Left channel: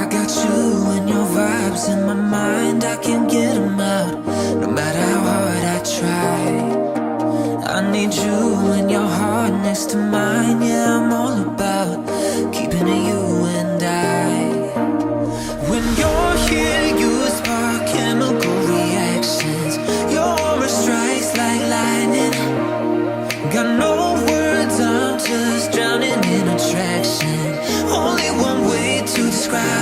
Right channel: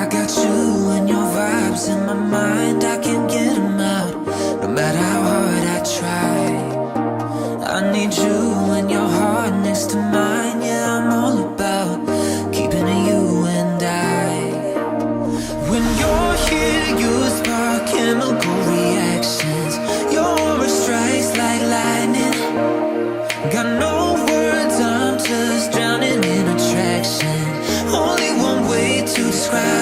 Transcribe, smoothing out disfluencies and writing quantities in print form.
I got you and your vibes in my mind, I can't get them out, no matter how hard I try. I need you and your heart next to mine, yeah, I'm all about keeping it you and I. When you're here, you spark chemical reactions, your aura strikes like lightning. Got no words, I'm just drowning in attraction, only one way to describe